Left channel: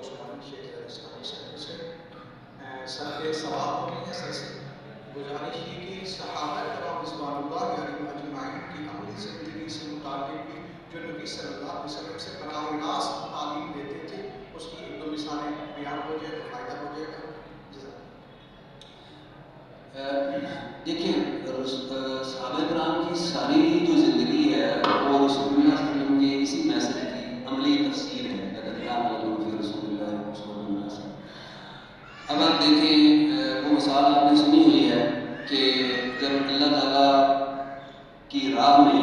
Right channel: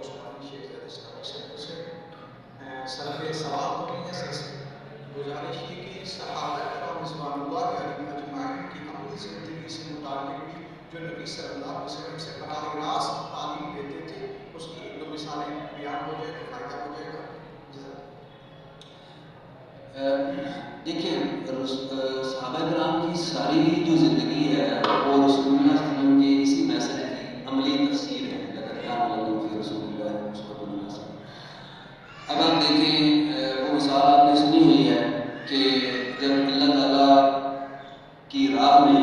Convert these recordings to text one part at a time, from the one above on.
عثمانی شیخ زید اسلامی سینٹر سے سر کے سوال تو نہیں ہے سر سے گزارش یہ کہ صحابہ کرام رضوان اللہ علیہم اجمعین کی عملی زندگی سے متعلق بھی جو نبی صلی اللہ علیہ وسلم سے براہ راست تعلیم دیتے تھے اس کی ایک دو مثالیں بیان ہو جائے تو فائدہ ہو جائے گا. دیکھیں صحابہ کرام کی ساری جو زندگی ہے وہ رسول اللہ صلی اللہ علیہ وسلم کے اسی میسج کی عملی تفسیر ہے. لقد کان لکم فی رسول اللہ اسوۃ حسنہ. اب آپ دیکھیں وہ مثال آپ نے سنی ہوئی ہے کہ جب اللہ تعالیٰ کی راہ میں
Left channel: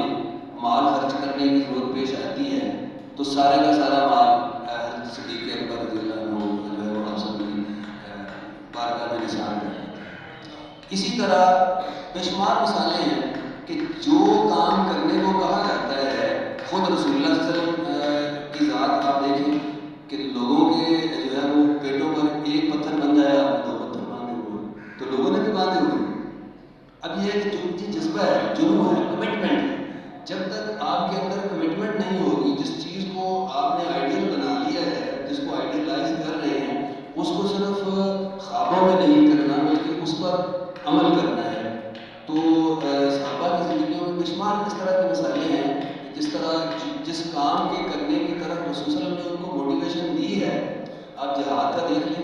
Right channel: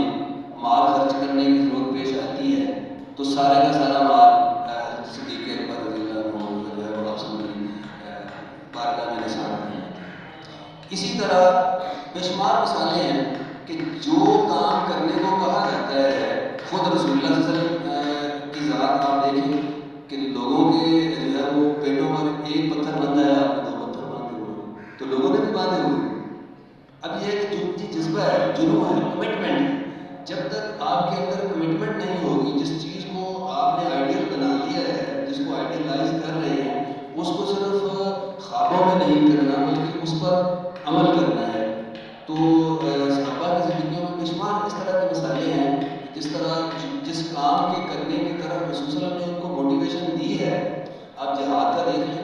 مال خرچ کرنے کی ضرورت پیش آتی ہے تو سارے کا سارا مال حضرت صدیق اکبر رضی اللہ عنہ جو ہے وہ آپ سب کی بارگاہ میں نثار کر جاتے ہیں. اسی طرح بے شمار مثالیں ہیں کہ جو کام کرنے کو کہا جاتا ہے خود رسول اللہ صلی اللہ علیہ وسلم کی ذات آپ دیکھیں کہ لوگوں کے جو ہے وہ پیٹوں پر ایک پتھر بندھ جائے آپ نے 2 پتھر باندھے ہوئے ہیں تو لوگوں نے بھی باندھے ہوئے ہیں. اب یہ ہے کہ جو جذبہ ہے جنون ہے کمٹمنٹ ہے. جب تک آپ کے اندر کمٹمنٹ نہیں ہوگی جس چیز کو آپ نے آئیڈیل بنا لیا ہے جس کو آئیڈیلائز کر رہے ہیں اس کو صرف خوابوں میں نہیں کرنا بلکہ اس پر عمل کرنا ہے. تو صحابہ کی زندگیوں میں بے شمار اس طرح کی مثالیں ہیں جس طرح جس کام کے کرنے کی طرف رسول صلی اللہ علیہ وسلم نے ان کو موٹیویشن دی ہے. آپ جہاد کا دیکھ لیں,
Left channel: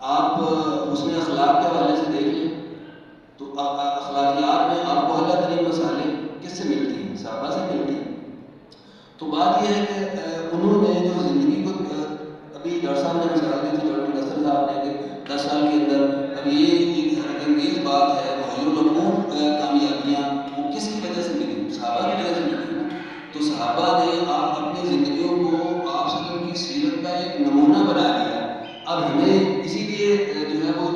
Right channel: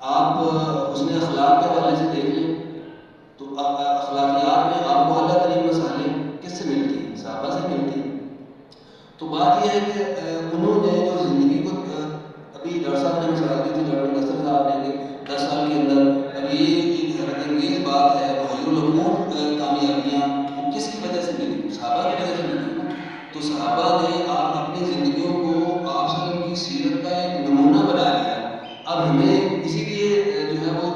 آپ حسن اخلاق کے حوالے سے دیکھ لیں تو اخلاقیات میں آپ کو اعلیٰ ترین مثالیں کس سے ملتی ہیں؟ صحابہ سے ملتی ہیں. تو بات یہ ہے کہ انہوں نے جو زندگی کو ابھی ڈاکٹر صاحب نے مثال دی تھی ڈاکٹر مدثر صاحب نے کہ 10 سال کے اندر اب یہ ایک حیرت انگیز بات ہے مغیر العقول کامیابیاں وہ کس کی وجہ سے ملی؟ صحابہ کی وجہ سے ملی نا. تو صحابہ نے آپ اپنی زندگیوں کو آپ صلی اللہ علیہ وسلم کی سیرت کا ایک نمونہ بنا لیا. اب ہمیں اسی لیے جو ہے وہ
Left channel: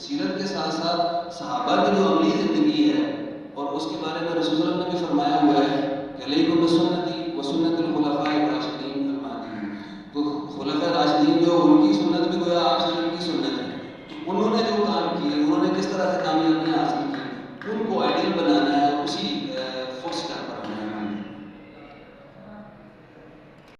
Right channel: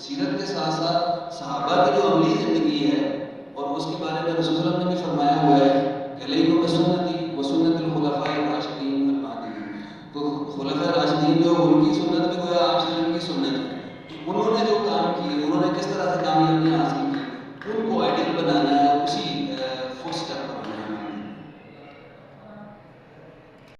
سیرت کے ساتھ ساتھ صحابہ کی جو عملی زندگی ہے اور اس کے بارے میں رسول صلی اللہ علیہ وسلم نے بھی فرمایا ہوا ہے کہ علیکم بسنتی و سنت الخلفاء الراشدین المہدیین. تو خلفاء راشدین جو ان کی سنت بھی گویا آپ صلی اللہ علیہ وسلم کی سنت ہے. تو انہوں نے جو کام کیے انہوں نے کس طرح سے کامیابیاں حاصل کی ان کو آئیڈیل بنانا ہے. اسی فٹ اسٹیپ پر ہمیں